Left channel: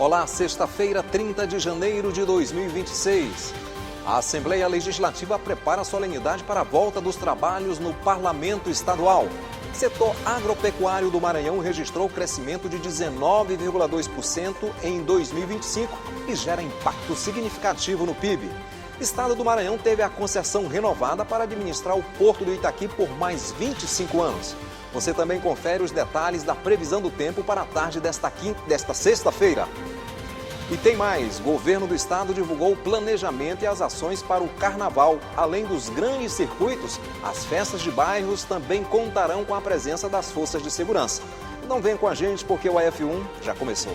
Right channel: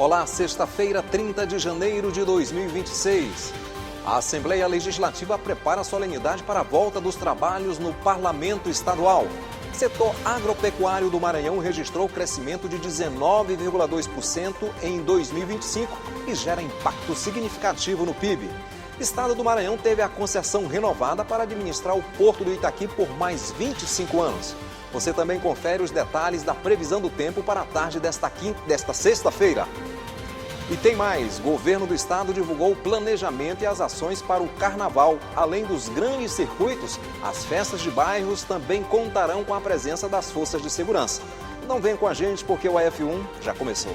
Olá, sexta-feira, 30 de janeiro de 2026. A Assembleia Legislativa prepara a solenidade para a volta dos trabalhos no Parlamento Estadual. O setor agropecuário do Maranhão registrou crescimento de 19,2% em 2025 e gera impacto significativo no PIB. O Estado do Maranhão teve a concessão renovada para administrar o Porto do Itaqui por mais 25 anos. Você também confere os detalhes da previsão do tempo para a tarde desta sexta-feira. E tem mais, o governo do estado divulgou o planejamento e as ações para o carnaval. Além dos grandes circuitos, as festas de bairros também contarão com a presença das forças de segurança. Então vem com a gente porque o F1 já começou.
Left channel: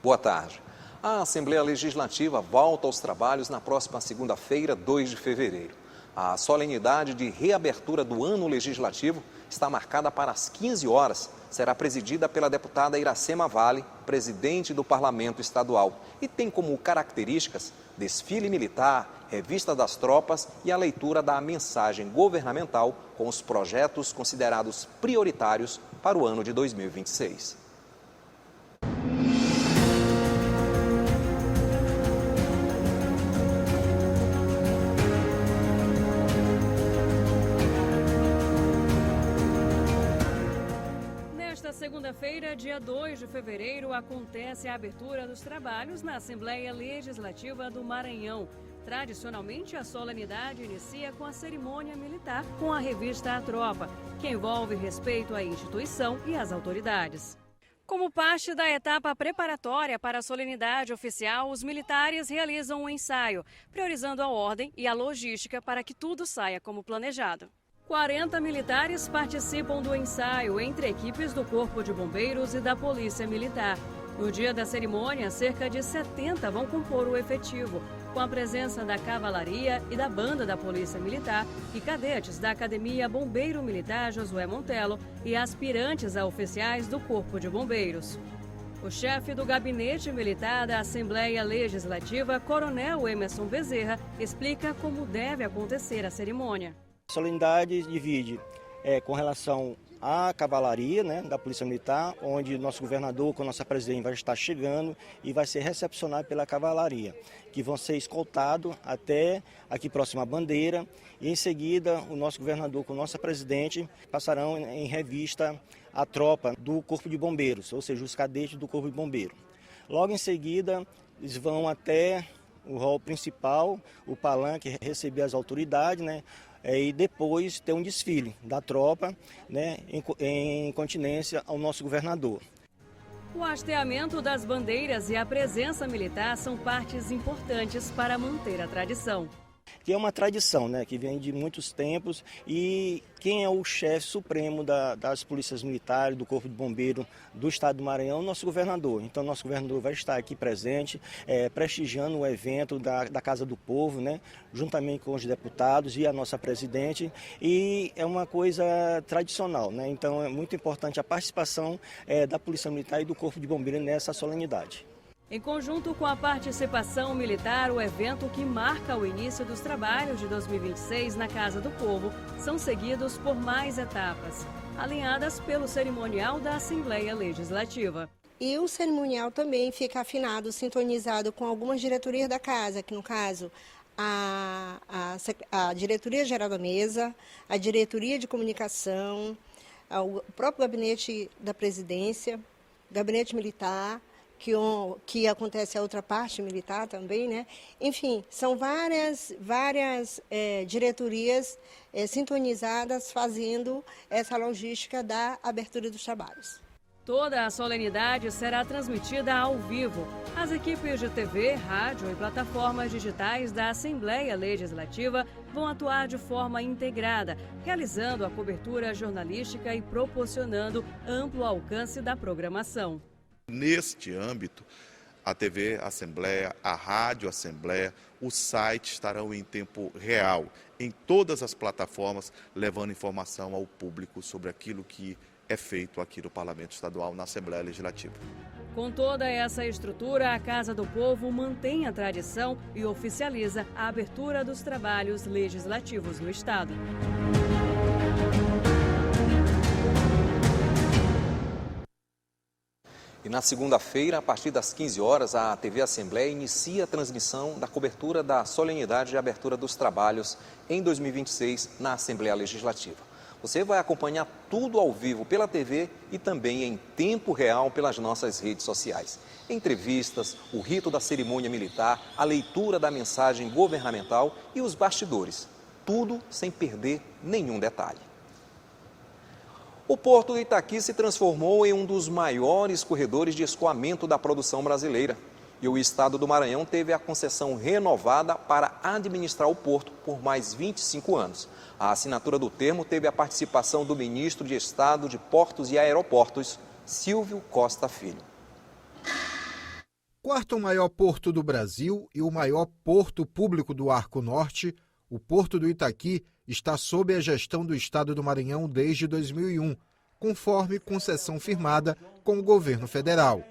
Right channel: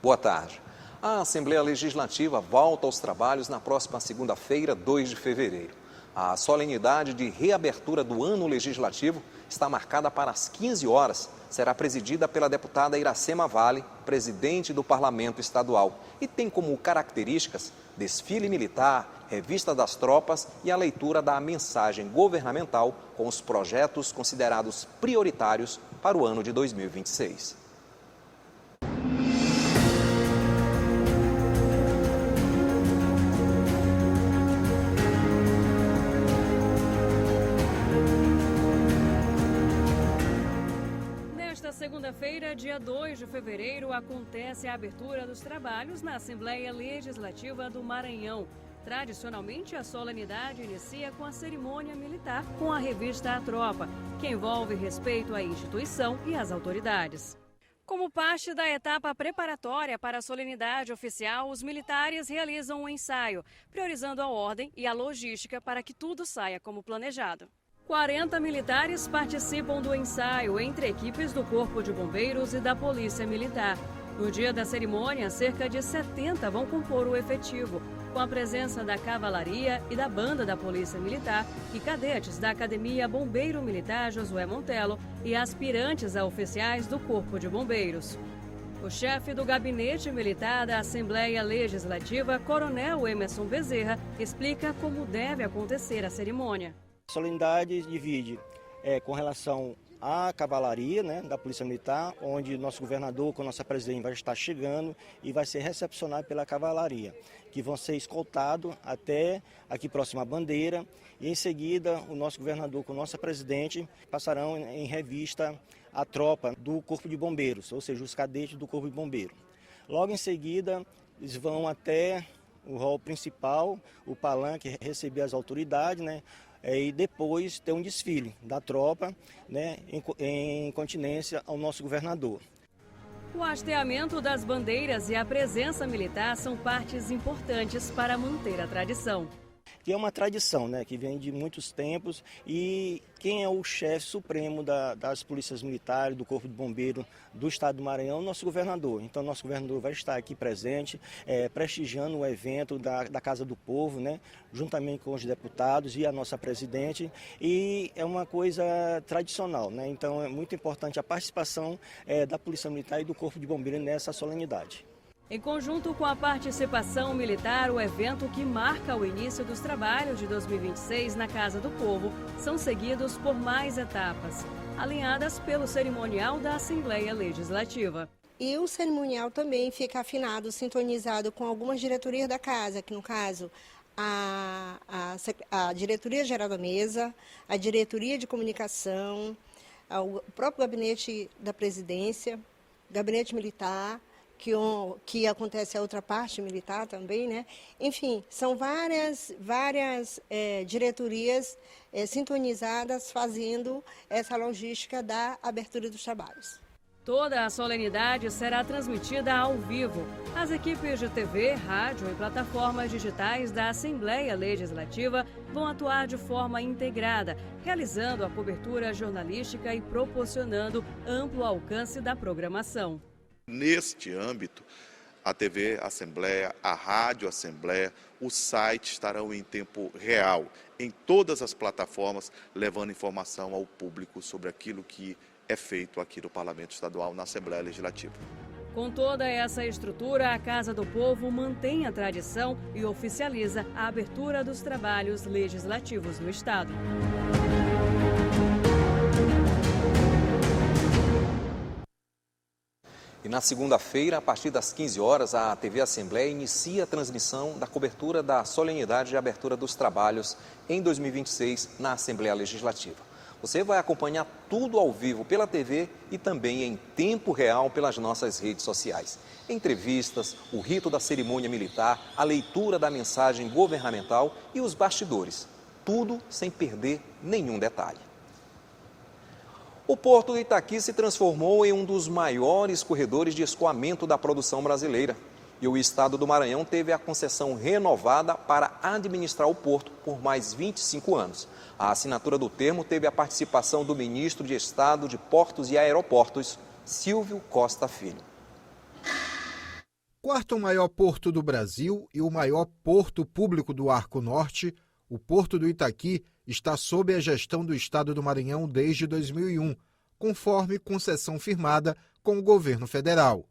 Boa tarde. A Assembleia Legislativa volta aos trabalhos na próxima segunda-feira, 2 de fevereiro. A solenidade de reabertura do ano legislativo está marcada para as 15 horas. Será presidida pela deputada Iracema Vale, presidente do Parlamento Estadual. E tem como características desfile militar, revista das tropas e a leitura da mensagem governamental com os projetos considerados prioritários para o ano de 2026. Segunda-feira, dia 2 de fevereiro, acontece a abertura dos trabalhos na Assembleia Legislativa do Maranhão. Tradicionalmente, a solenidade inicia com a cerimônia militar com a revista A Tropa, que envolve respeito à instituição e às autoridades. Como parte da etapa preparatória para a solenidade oficial, os militares realizam um ensaio, priorizando a ordem e a logística para que tudo saia como planejado. 40 militares participam do ensaio entre equipes do Corpo de Bombeiros e da Polícia Militar. No dia da cerimônia, cerca de 70 vão compor o efetivo, com a presença da Cavalaria e da Banda da Polícia Militar e cadetes da Academia Bombeiro Militar Josué Montelo e aspirantes a oficiais do Corpo de Bombeiros. O chefe do Gabinete Militar da Assembleia Legislativa, Coronel Emerson Bezerra, explica como deve acontecer a cerimônia. A solenidade divide com relação à cavalaria, da Polícia Militar, onde nosso governador com nossa presidente vai estar chegando e vai ser recepcionado pela cavalaria, que vão ser escoltados até aqui próximo à bandeira e em seguida o nosso governador com nossa presidente passarão em revista a tropa do Corpo de Bombeiros, ou seja, os cadetes do Corpo de Bombeiro. Logo em seguida eles vão até o hall principal, o palanque, receber as autoridades, e depois ter um desfile da tropa, em continência ao nosso governador. O hasteamento das bandeiras e a presença militar são partes importantes para manter a tradição. Que é uma tradição, que vem de muitos tempos, e quem é o chefe supremo das polícias militares, do Corpo de Bombeiro do Estado do Maranhão, é o nosso governador. Então, nosso governador vai estar aqui presente, prestigiando o evento da Casa do Povo, juntamente com os deputados e a nossa presidente, e é uma coisa tradicional, Então, é muito importante a participação da Polícia Militar e do Corpo de Bombeiro nessa solenidade. Em conjunto com a participação militar, o evento que marca o início dos trabalhos de 2026 na Casa do Povo são seguidos por mais etapas, alinhadas pelo cerimonial da Assembleia Legislativa. E o cerimonial também fica afinado, sintonizado com algumas diretorias da Casa, que no caso a Diretoria Geral da Mesa, a Diretoria de Comunicação, o próprio Gabinete da Presidência, Gabinete Militar, que acontece a outra parte militar também, Enfim, são várias diretorias sintonizadas fazendo essa logística da abertura dos trabalhos. Toda a solenidade será transmitida ao vivo. As equipes de TV, rádio e plataformas digitais da Assembleia Legislativa vão atuar de forma integrada, realizando a cobertura jornalística e proporcionando amplo alcance da programação. Neste âmbito, a TV Assembleia, a Rádio Assembleia, o site estarão em tempo real, em todas as plataformas, levando informação ao público sobre aquilo que é feito aqui no Parlamento Estadual, na Assembleia Legislativa. Com toda essa estrutura, a Casa do Povo mantém a tradição e oficializa a abertura dos trabalhos legislativos no Estado. E na segunda-feira, a partir das 15 horas, a TV Assembleia inicia a transmissão da cobertura da solenidade de abertura dos trabalhos em 2026 na Assembleia Legislativa. Você vai acompanhar tudo ao vivo pela TV e também em tempo real pelas nossas redes sociais. Entrevistas, o rito da cerimônia militar, a leitura da mensagem governamental e os bastidores. Tudo sem perder nenhum detalhe. O Porto do Itaqui se transformou em um dos maiores corredores de escoamento da produção brasileira. E o Estado do Maranhão teve a concessão renovada para administrar o porto por mais 25 anos. A assinatura do termo teve a participação do ministro de Estado de Portos e Aeroportos, Silvio Costa Filho. Quarto maior porto do Brasil e o maior porto público do Arco Norte, o Porto do Itaqui está sob a gestão do Estado do Maranhão desde 2001, conforme concessão firmada com o governo federal.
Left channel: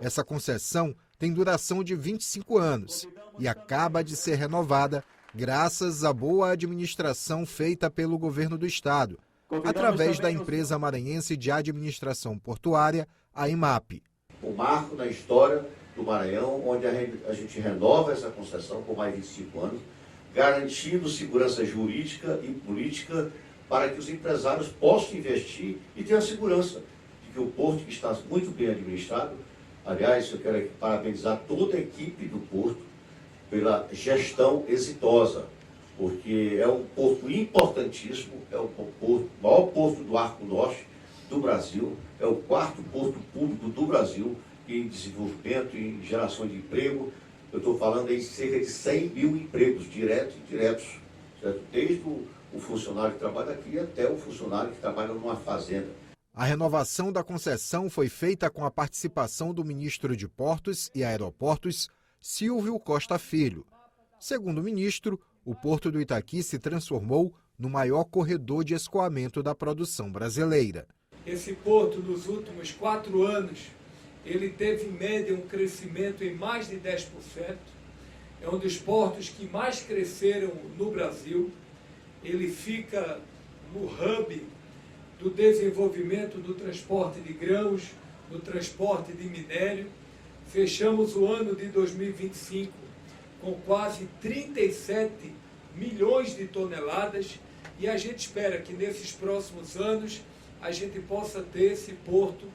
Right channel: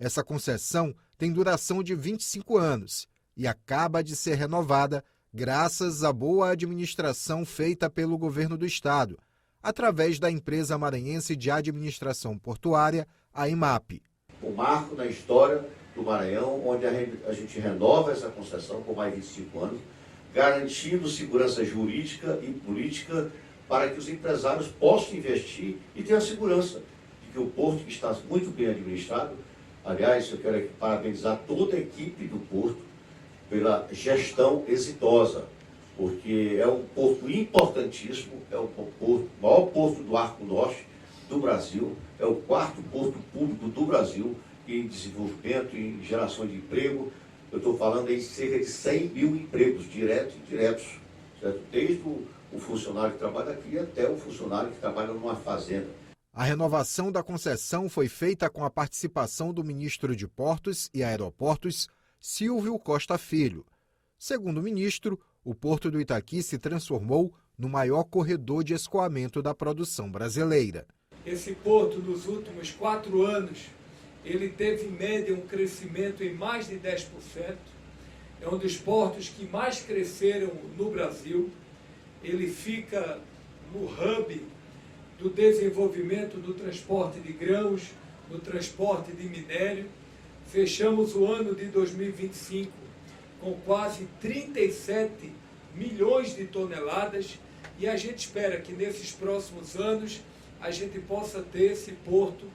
Essa concessão tem duração de 25 anos e acaba de ser renovada graças à boa administração feita pelo governo do estado, através da empresa maranhense de administração portuária, a EMAP. Um marco na história do Maranhão, onde a gente renova essa concessão por mais 25 anos, garantindo segurança jurídica e política para que os empresários possam investir e ter a segurança de que o porto, que está muito bem administrado, aliás, eu quero parabenizar toda a equipe do Porto pela gestão exitosa, porque é um porto importantíssimo, é o maior porto do Arco Norte do Brasil, é o quarto porto público do Brasil em desenvolvimento, em geração de emprego. Eu estou falando em cerca de 100 mil empregos diretos e indiretos, certo? Desde o funcionário que trabalha aqui até o funcionário que trabalha numa fazenda. A renovação da concessão foi feita com a participação do ministro de Portos e Aeroportos, Silvio Costa Filho. Segundo o ministro, o Porto do Itaqui se transformou no maior corredor de escoamento da produção brasileira. Esse porto, nos últimos 4 anos, ele teve em média um crescimento em mais de 10%. É um dos portos que mais cresceram no Brasil. Ele fica no hub do desenvolvimento do transporte de grãos, do transporte de minério. Fechamos o ano de 2025 com quase 37 milhões de toneladas e a gente espera que nesses próximos anos a gente possa ter esse porto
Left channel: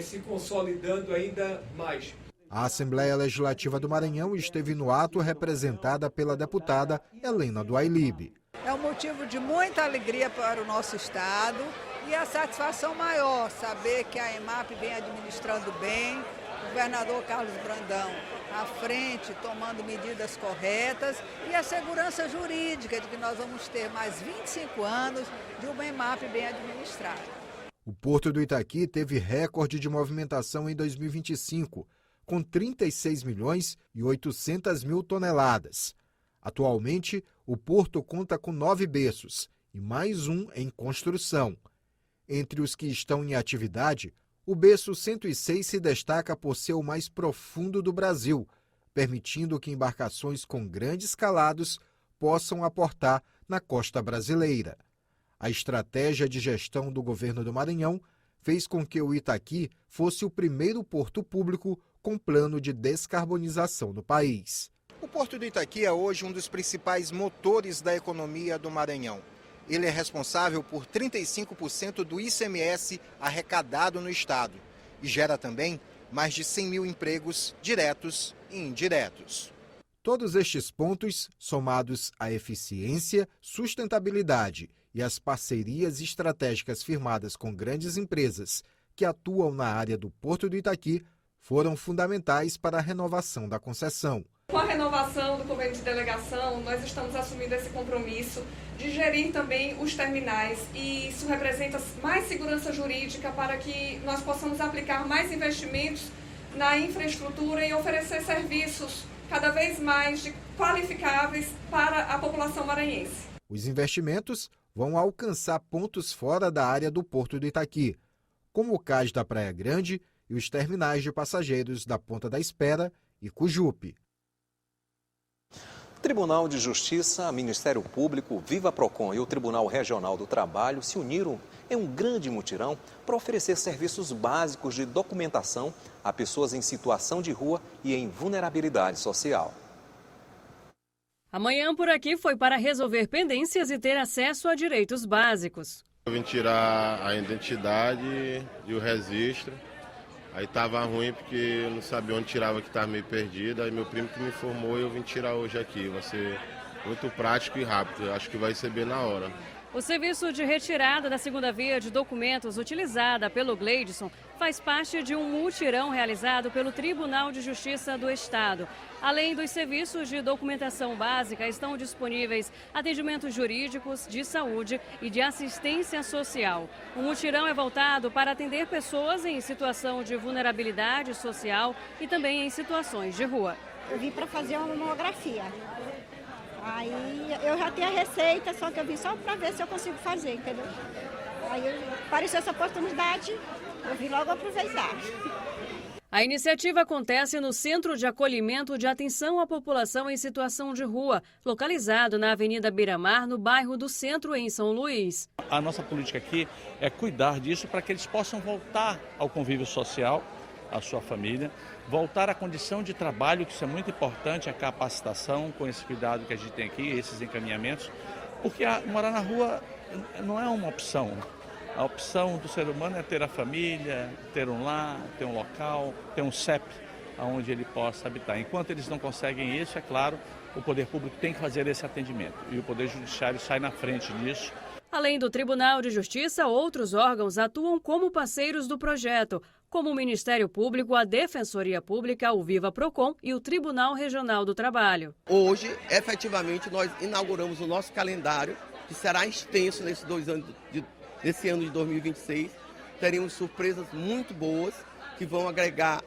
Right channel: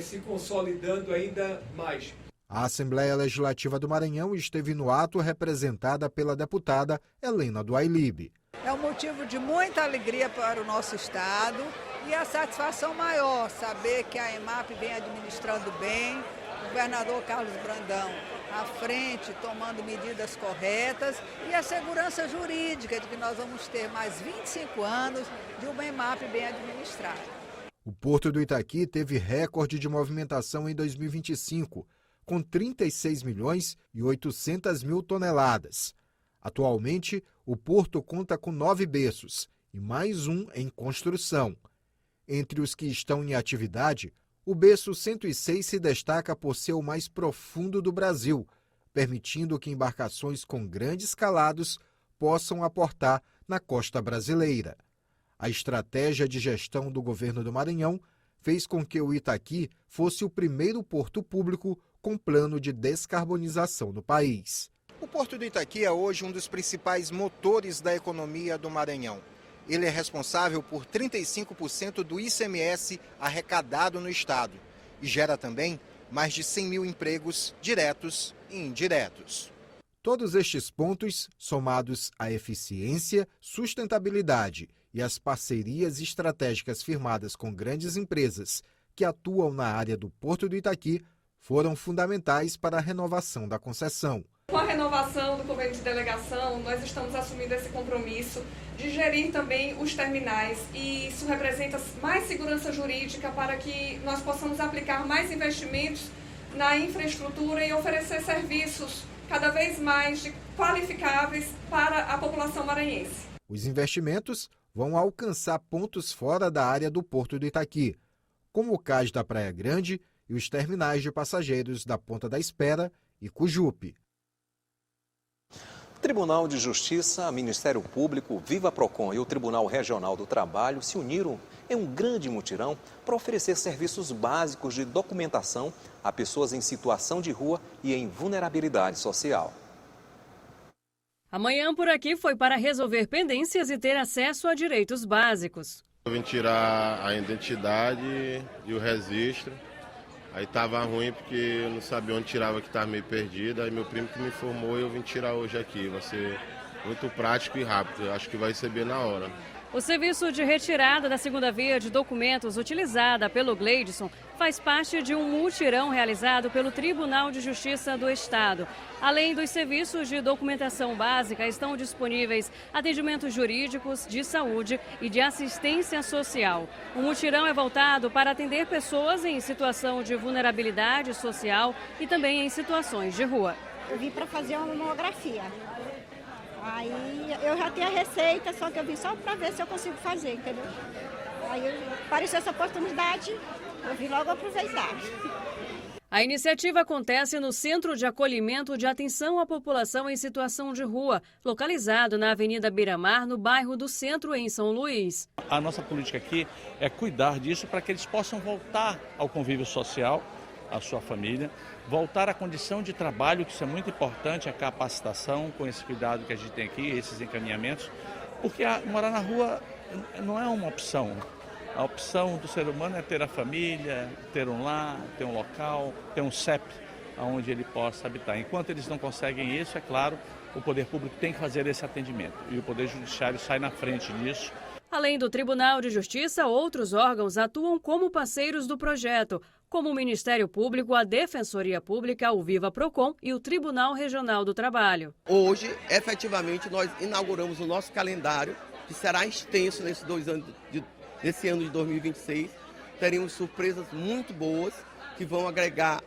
se consolidando ainda mais. A Assembleia Legislativa do Maranhão esteve no ato representada pela deputada Helena do Ailib. É um motivo de muita alegria para o nosso Estado e a satisfação maior saber que a EMAP vem administrando bem, o governador Carlos Brandão à frente, tomando medidas corretas e a segurança jurídica de que nós vamos ter mais 25 anos de uma EMAP bem administrada. O Porto do Itaqui teve recorde de movimentação em 2025, com 36 milhões e 800 mil toneladas. Atualmente, o porto conta com 9 berços e mais um em construção. Entre os que estão em atividade, o berço 106 se destaca por ser o mais profundo do Brasil, permitindo que embarcações com grandes calados possam aportar na costa brasileira. A estratégia de gestão do governo do Maranhão fez com que o Itaqui fosse o primeiro porto público com plano de descarbonização do país. O Porto do Itaqui é hoje um dos principais motores da economia do Maranhão. Ele é responsável por 35% do ICMS arrecadado no estado e gera também mais de 100 mil empregos diretos e indiretos. Todos estes pontos, somados à eficiência, sustentabilidade e as parcerias estratégicas firmadas com grandes empresas que atuam na área do Porto do Itaqui, foram fundamentais para a renovação da concessão. Com a renovação do convênio de delegação, nós estamos assumindo esse compromisso de gerir também os terminais e isso representa mais segurança jurídica para que nós possamos aplicar mais investimentos na infraestrutura e oferecer serviços cada vez mais qualificáveis para a população maranhense. Os investimentos vão alcançar pontos fora da área do Porto do Itaqui, como o cais da Praia Grande e os terminais de passageiros da Ponta da Espera e Cujupe. Tribunal de Justiça, Ministério Público, Viva Procon e o Tribunal Regional do Trabalho se uniram em um grande mutirão para oferecer serviços básicos de documentação a pessoas em situação de rua e em vulnerabilidade social. Amanhã por aqui foi para resolver pendências e ter acesso a direitos básicos. Eu vim tirar a identidade e o registro. Aí estava ruim porque eu não sabia onde tirava, que estava meio perdido. Aí meu primo que me informou e eu vim tirar hoje aqui. Vai ser muito prático e rápido. Eu acho que vai receber na hora. O serviço de retirada da segunda via de documentos utilizada pelo Gleidson faz parte de um mutirão realizado pelo Tribunal de Justiça do Estado. Além dos serviços de documentação básica, estão disponíveis atendimentos jurídicos, de saúde e de assistência social. O mutirão é voltado para atender pessoas em situação de vulnerabilidade social e também em situações de rua. Eu vim para fazer uma mamografia. Aí eu já tenho a receita, só que eu vim só para ver se eu consigo fazer, entendeu? Aí apareceu essa oportunidade, eu vim logo aproveitar. A iniciativa acontece no Centro de Acolhimento de Atenção à População em Situação de Rua, localizado na Avenida Beira-Mar, no bairro do Centro, em São Luís. A nossa política aqui é cuidar disso para que eles possam voltar ao convívio social, à sua família, voltar à condição de trabalho, que isso é muito importante, a capacitação, com esse cuidado que a gente tem aqui, esses encaminhamentos, porque morar na rua não é uma opção. A opção do ser humano é ter a família, ter um lar, ter um local, ter um CEP, onde ele possa habitar. Enquanto eles não conseguem isso, é claro, o poder público tem que fazer esse atendimento e o Poder Judiciário sai na frente nisso. Além do Tribunal de Justiça, outros órgãos atuam como parceiros do projeto, como o Ministério Público, a Defensoria Pública, o Viva Procon e o Tribunal Regional do Trabalho. Hoje, efetivamente, nós inauguramos o nosso calendário, que será extenso nesse ano de 2026. Teremos surpresas muito boas, que vão agregar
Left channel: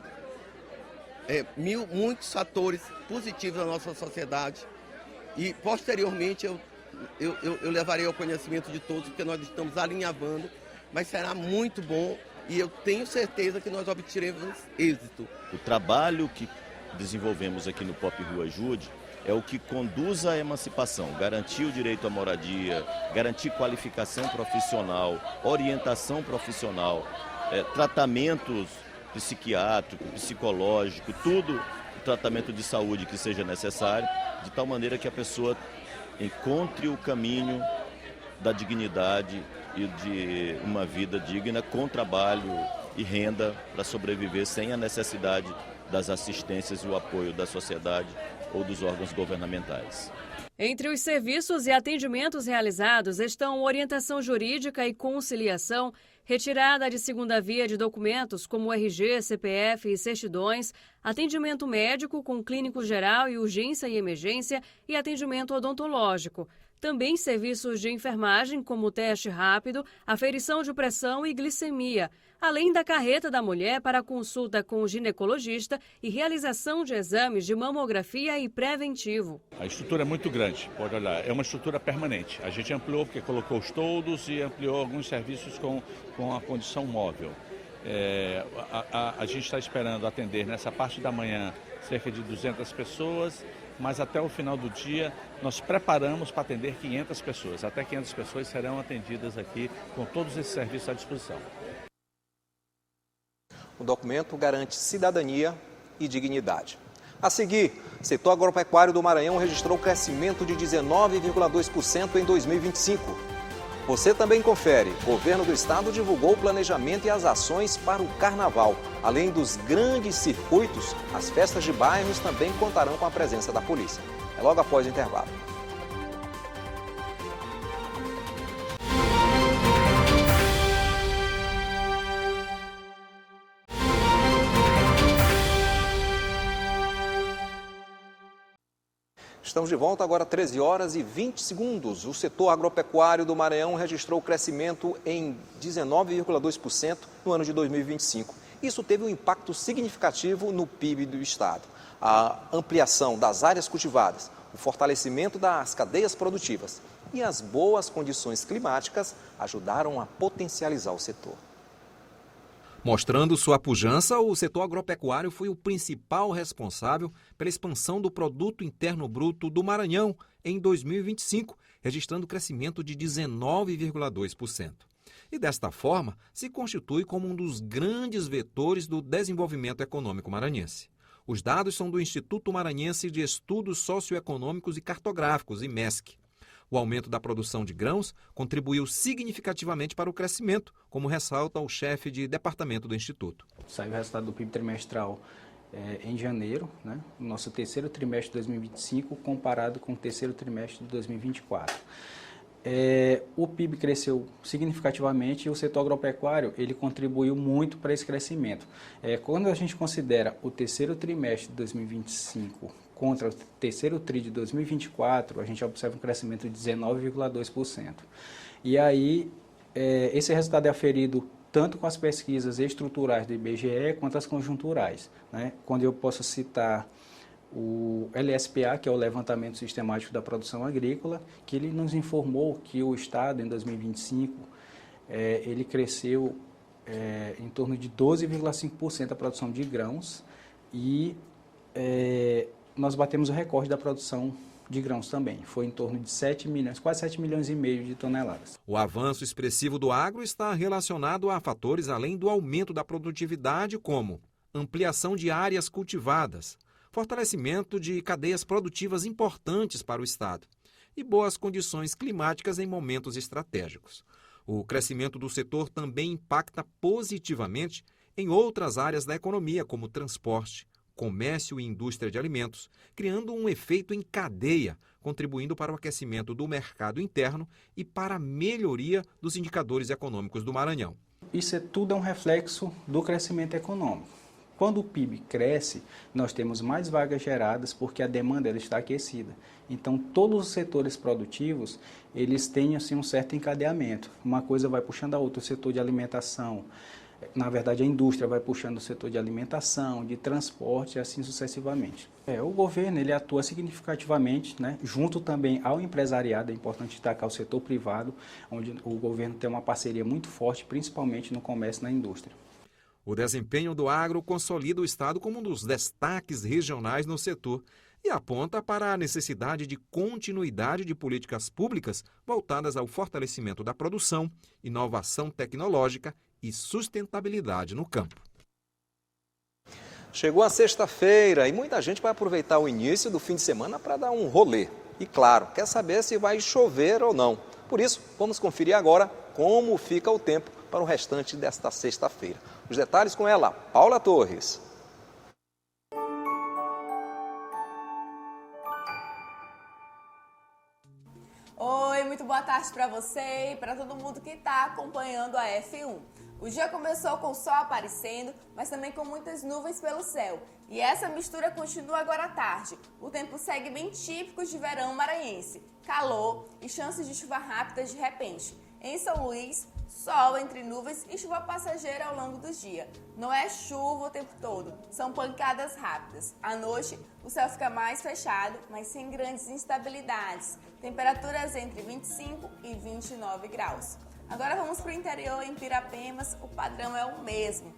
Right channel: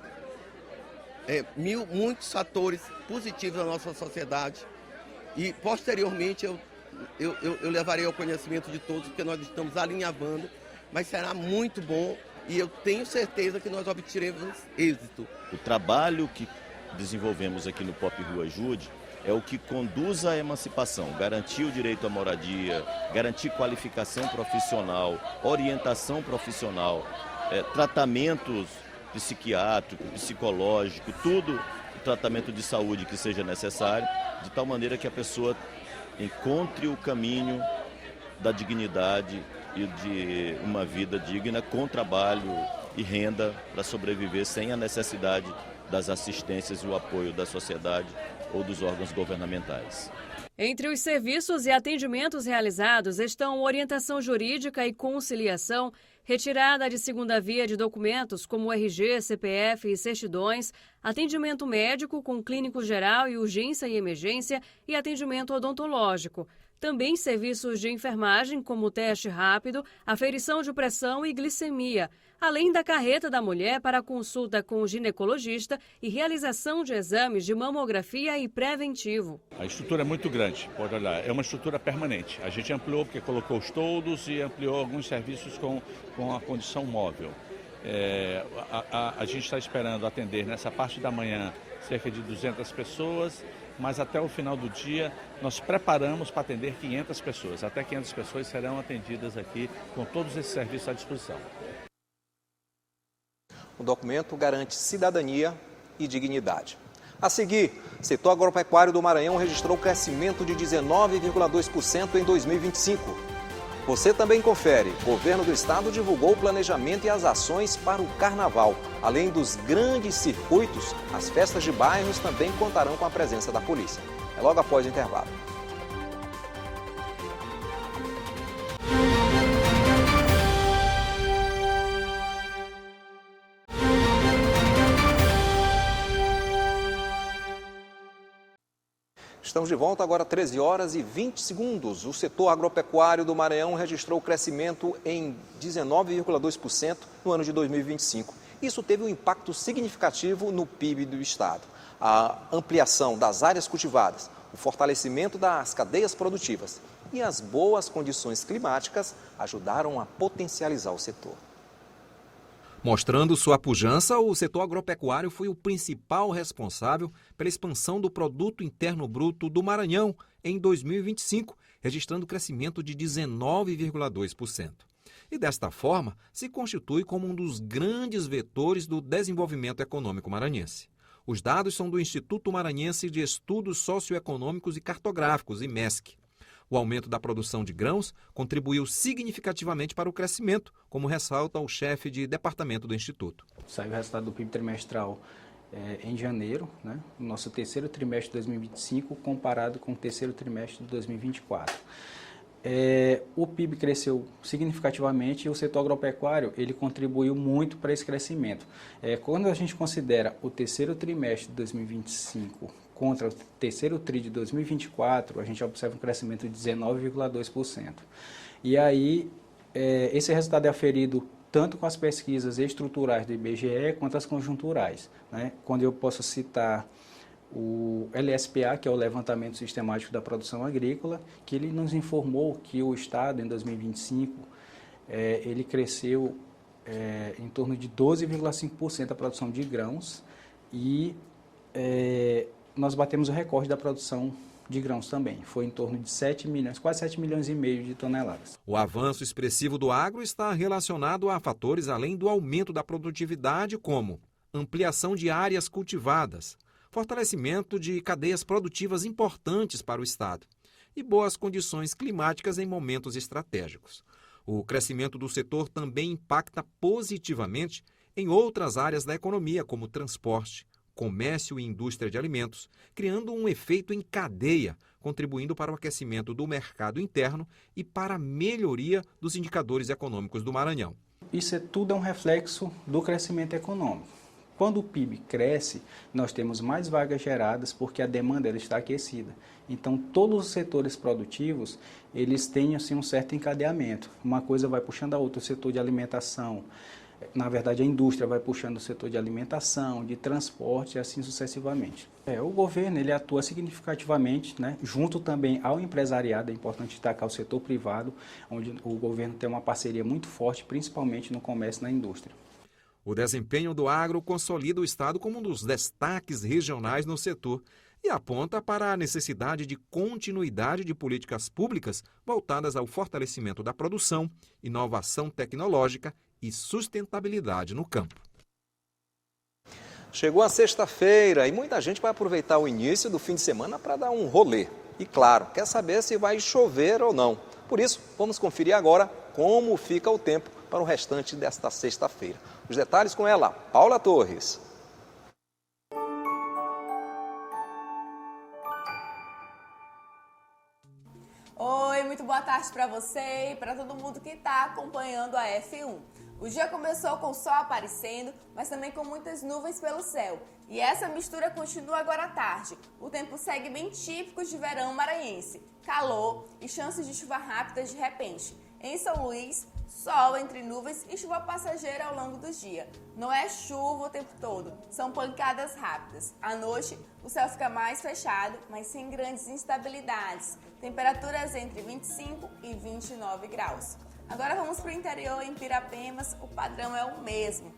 muitos fatores positivos na nossa sociedade. E, posteriormente, eu levarei ao conhecimento de todos, porque nós estamos alinhavando, mas será muito bom. E eu tenho certeza que nós obteremos êxito. O trabalho que desenvolvemos aqui no Pop Rio Ajude é o que conduz à emancipação, garantir o direito à moradia, garantir qualificação profissional, orientação profissional, tratamentos psiquiátrico, psicológico, tudo o tratamento de saúde que seja necessário, de tal maneira que a pessoa encontre o caminho da dignidade e de uma vida digna com trabalho e renda para sobreviver sem a necessidade das assistências e o apoio da sociedade ou dos órgãos governamentais. Entre os serviços e atendimentos realizados estão orientação jurídica e conciliação, retirada de segunda via de documentos como RG, CPF e certidões, atendimento médico com clínico geral e urgência e emergência e atendimento odontológico. Também serviços de enfermagem, como o teste rápido, aferição de pressão e glicemia, além da carreta da mulher para consulta com o ginecologista e realização de exames de mamografia e preventivo. A estrutura é muito grande, pode olhar, é uma estrutura permanente. A gente ampliou porque colocou os toldos e ampliou alguns serviços com a condição móvel. A gente está esperando atender nessa parte da manhã cerca de 200 pessoas, mas até o final do dia nós preparamos para atender 500 pessoas. Até 500 pessoas serão atendidas aqui com todos esses serviços à disposição. O documento garante cidadania e dignidade. A seguir, o setor agropecuário do Maranhão registrou crescimento de 19,2% em 2025. Você também confere. O governo do estado divulgou o planejamento e as ações para o carnaval. Além dos grandes circuitos, as festas de bairros também contarão com a presença da polícia. É logo após o intervalo. Estamos de volta agora, 13 horas e 20 segundos. O setor agropecuário do Maranhão registrou crescimento em 19,2% no ano de 2025. Isso teve um impacto significativo no PIB do estado. A ampliação das áreas cultivadas, o fortalecimento das cadeias produtivas, e as boas condições climáticas ajudaram a potencializar o setor. Mostrando sua pujança, o setor agropecuário foi o principal responsável pela expansão do Produto Interno Bruto do Maranhão em 2025, registrando crescimento de 19,2%. E desta forma, se constitui como um dos grandes vetores do desenvolvimento econômico maranhense. Os dados são do Instituto Maranhense de Estudos Socioeconômicos e Cartográficos, IMESC. O aumento da produção de grãos contribuiu significativamente para o crescimento, como ressalta o chefe de departamento do Instituto. Saiu o resultado do PIB trimestral em janeiro, né, no nosso terceiro trimestre de 2025, comparado com o terceiro trimestre de 2024. O PIB cresceu significativamente e o setor agropecuário ele contribuiu muito para esse crescimento. Quando a gente considera o terceiro trimestre de 2025 contra o terceiro TRI de 2024, a gente observa um crescimento de 19,2%. E aí, esse resultado é aferido tanto com as pesquisas estruturais do IBGE quanto as conjunturais, né? Quando eu posso citar o LSPA, que é o Levantamento Sistemático da Produção Agrícola, que ele nos informou que o Estado, em 2025, ele cresceu em torno de 12,5% a produção de grãos e nós batemos o recorde da produção de grãos também. Foi em torno de 7 milhões, quase 7 milhões e meio de toneladas. O avanço expressivo do agro está relacionado a fatores além do aumento da produtividade, como ampliação de áreas cultivadas, fortalecimento de cadeias produtivas importantes para o Estado e boas condições climáticas em momentos estratégicos. O crescimento do setor também impacta positivamente em outras áreas da economia, como transporte, comércio e indústria de alimentos, criando um efeito em cadeia, contribuindo para o aquecimento do mercado interno e para a melhoria dos indicadores econômicos do Maranhão. Isso tudo é um reflexo do crescimento econômico. Quando o PIB cresce, nós temos mais vagas geradas porque a demanda ela está aquecida. Então, todos os setores produtivos, eles têm assim, um certo encadeamento. Uma coisa vai puxando a outra, o setor de alimentação. Na verdade, a indústria vai puxando o setor de alimentação, de transporte e assim sucessivamente. O governo ele atua significativamente, né, junto também ao empresariado. É importante destacar o setor privado, onde o governo tem uma parceria muito forte, principalmente no comércio e na indústria. O desempenho do agro consolida o Estado como um dos destaques regionais no setor e aponta para a necessidade de continuidade de políticas públicas voltadas ao fortalecimento da produção, inovação tecnológica e sustentabilidade no campo. Chegou a sexta-feira e muita gente vai aproveitar o início do fim de semana para dar um rolê. E claro, quer saber se vai chover ou não. Por isso, vamos conferir agora como fica o tempo para o restante desta sexta-feira. Os detalhes com ela, Paula Torres. Oi, muito boa tarde para você e para todo mundo que está acompanhando a F1. O dia começou com o sol aparecendo, mas também com muitas nuvens pelo céu. E essa mistura continua agora à tarde. O tempo segue bem típico de verão maranhense. Calor e chances de chuva rápida de repente. Em São Luís, sol entre nuvens e chuva passageira ao longo do dia. Não é chuva o tempo todo, são pancadas rápidas. À noite, o céu fica mais fechado, mas sem grandes instabilidades. Temperaturas entre 25 e 29 graus. Agora vamos para o interior, em Pirapemas, o padrão é o mesmo.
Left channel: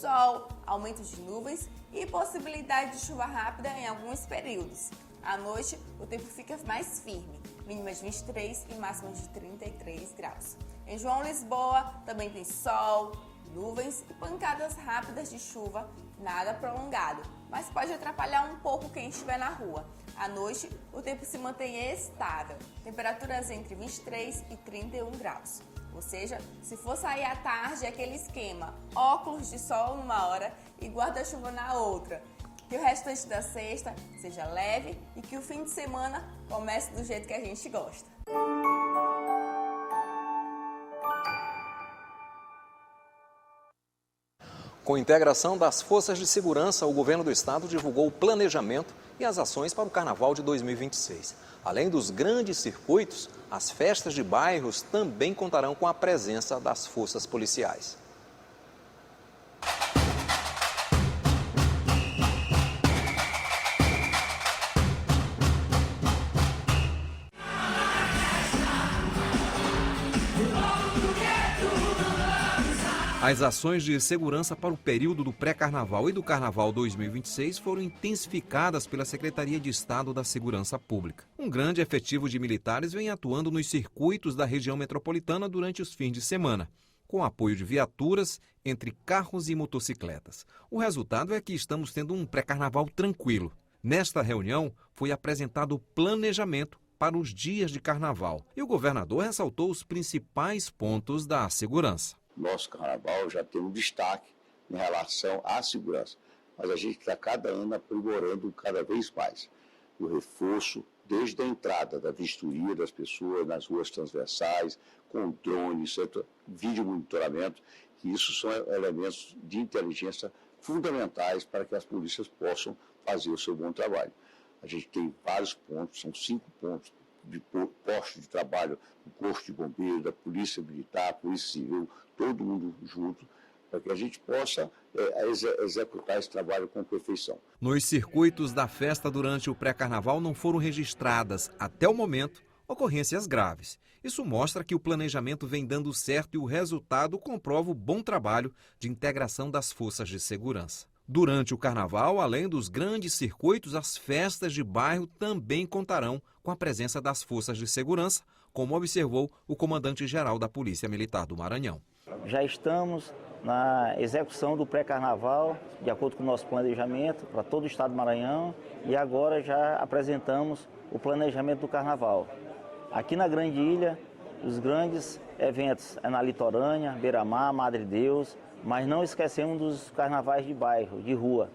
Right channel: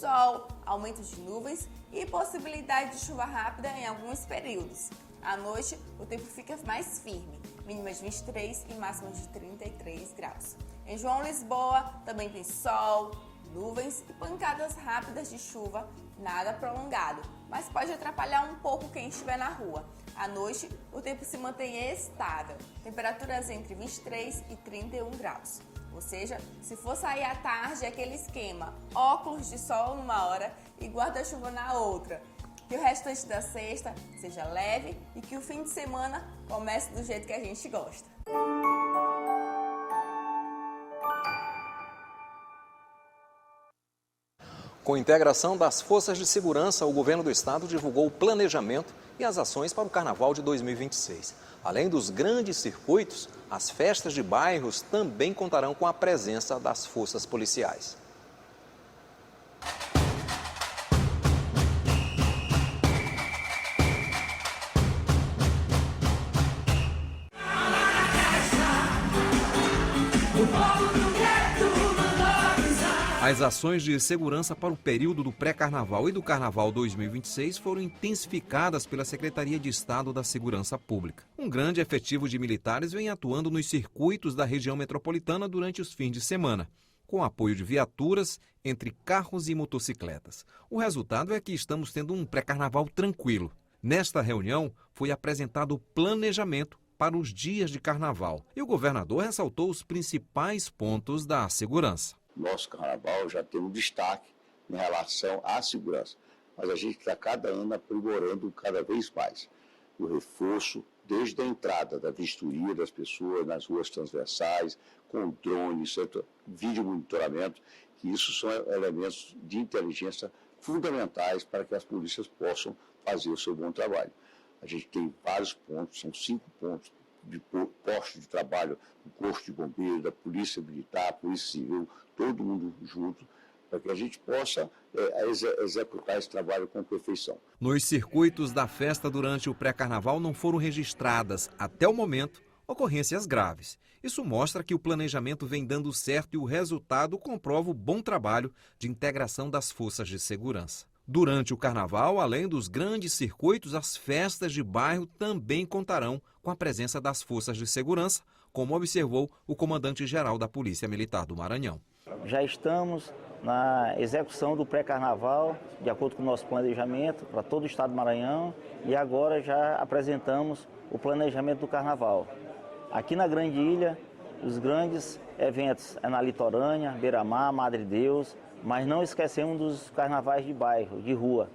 Sol, aumento de nuvens e possibilidade de chuva rápida em alguns períodos. À noite, o tempo fica mais firme, mínima de 23 e máxima de 33 graus. Em João Lisboa, também tem sol, nuvens e pancadas rápidas de chuva, nada prolongado, mas pode atrapalhar um pouco quem estiver na rua. À noite, o tempo se mantém estável, temperaturas entre 23 e 31 graus. Ou seja, se for sair à tarde, é aquele esquema, óculos de sol numa hora e guarda-chuva na outra. Que o restante da sexta seja leve e que o fim de semana comece do jeito que a gente gosta. Com integração das forças de segurança, o governo do estado divulgou o planejamento e as ações para o Carnaval de 2026. Além dos grandes circuitos, as festas de bairros também contarão com a presença das forças policiais. As ações de segurança para o período do pré-carnaval e do carnaval 2026 foram intensificadas pela Secretaria de Estado da Segurança Pública. Um grande efetivo de militares vem atuando nos circuitos da região metropolitana durante os fins de semana, com apoio de viaturas entre carros e motocicletas. O resultado é que estamos tendo um pré-carnaval tranquilo. Nesta reunião, foi apresentado o planejamento para os dias de carnaval e o governador ressaltou os principais pontos da segurança. Nosso carnaval já tem um destaque em relação à segurança, mas a gente está cada ano aprimorando cada vez mais. O reforço, desde a entrada da vistoria das pessoas nas ruas transversais, com drones, vídeo monitoramento, que isso são elementos de inteligência fundamentais para que as polícias possam fazer o seu bom trabalho. A gente tem vários pontos, são 5 pontos de postos de trabalho, do Corpo de Bombeiro, da Polícia Militar, Polícia Civil, todo mundo junto, para que a gente possa executar esse trabalho com perfeição. Nos circuitos da festa durante o pré-carnaval não foram registradas, até o momento, ocorrências graves. Isso mostra que o planejamento vem dando certo e o resultado comprova o bom trabalho de integração das forças de segurança. Durante o carnaval, além dos grandes circuitos, as festas de bairro também contarão com a presença das forças de segurança, como observou o comandante-geral da Polícia Militar do Maranhão. Já estamos na execução do pré-carnaval, de acordo com o nosso planejamento, para todo o estado do Maranhão, e agora já apresentamos o planejamento do carnaval. Aqui na Grande Ilha, os grandes eventos é na Litorânea, Beira-Mar, Madre Deus, mas não esquecemos dos carnavais de bairro, de rua.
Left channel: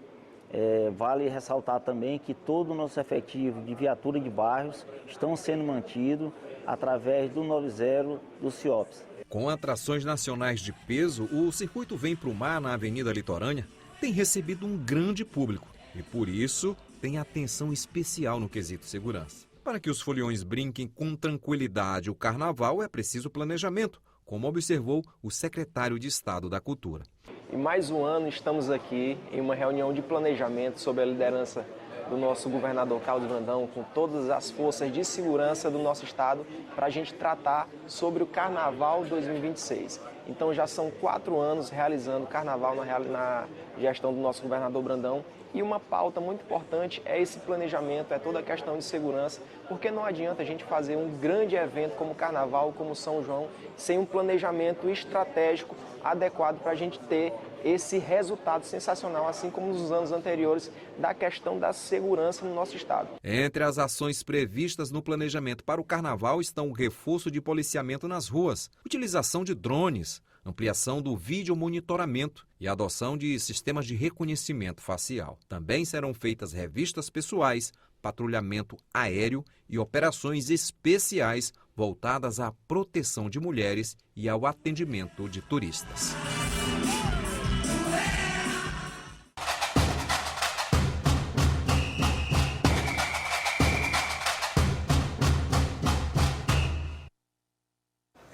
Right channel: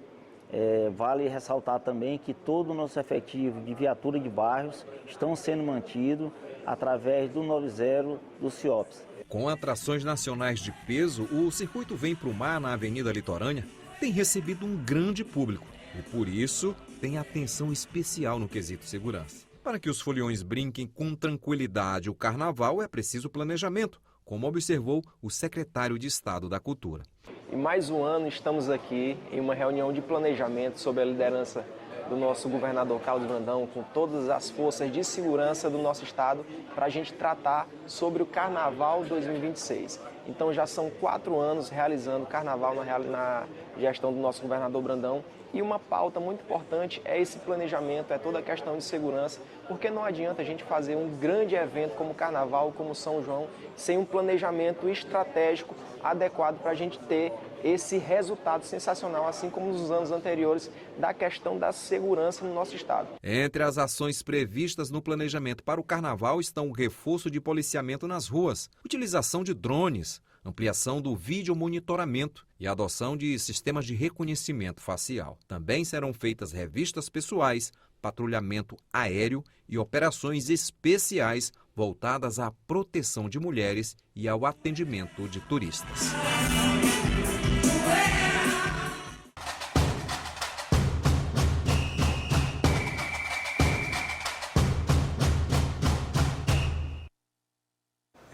Vale ressaltar também que todo o nosso efetivo de viatura de bairros estão sendo mantido através do 90 do CIOPS. Com atrações nacionais de peso, o circuito Vem Pro Mar na Avenida Litorânea tem recebido um grande público e, por isso, tem atenção especial no quesito segurança. Para que os foliões brinquem com tranquilidade o carnaval, é preciso planejamento, como observou o secretário de Estado da Cultura. Em mais um ano estamos aqui em uma reunião de planejamento sob a liderança do nosso governador Carlos Brandão, com todas as forças de segurança do nosso estado, para a gente tratar sobre o Carnaval 2026. Então já são 4 anos realizando o Carnaval na gestão do nosso governador Brandão. E uma pauta muito importante é esse planejamento, é toda a questão de segurança, porque não adianta a gente fazer um grande evento como o Carnaval, como São João, sem um planejamento estratégico adequado para a gente ter esse resultado sensacional, assim como nos anos anteriores, da questão da segurança no nosso estado. Entre as ações previstas no planejamento para o Carnaval estão o reforço de policiamento nas ruas, utilização de drones, ampliação do vídeo monitoramento e adoção de sistemas de reconhecimento facial. Também serão feitas revistas pessoais, patrulhamento aéreo e operações especiais voltadas à proteção de mulheres e ao atendimento de turistas.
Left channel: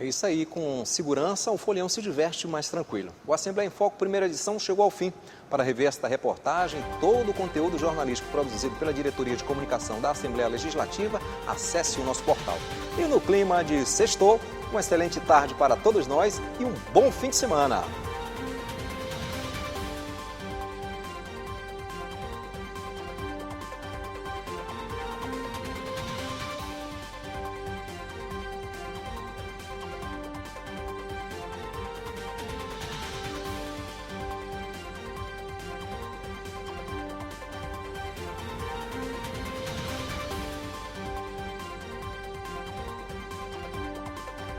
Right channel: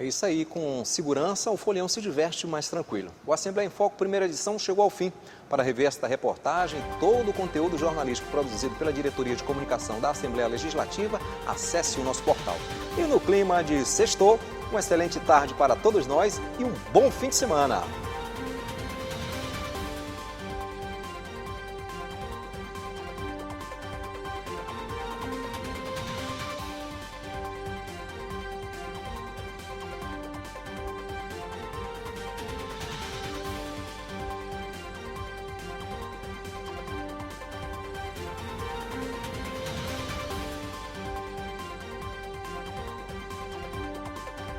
É isso aí, com segurança, o folião se diverte mais tranquilo. O Assembleia em Foco, primeira edição, chegou ao fim. Para rever esta reportagem, todo o conteúdo jornalístico produzido pela Diretoria de Comunicação da Assembleia Legislativa, acesse o nosso portal. E no clima de sextou, uma excelente tarde para todos nós e um bom fim de semana.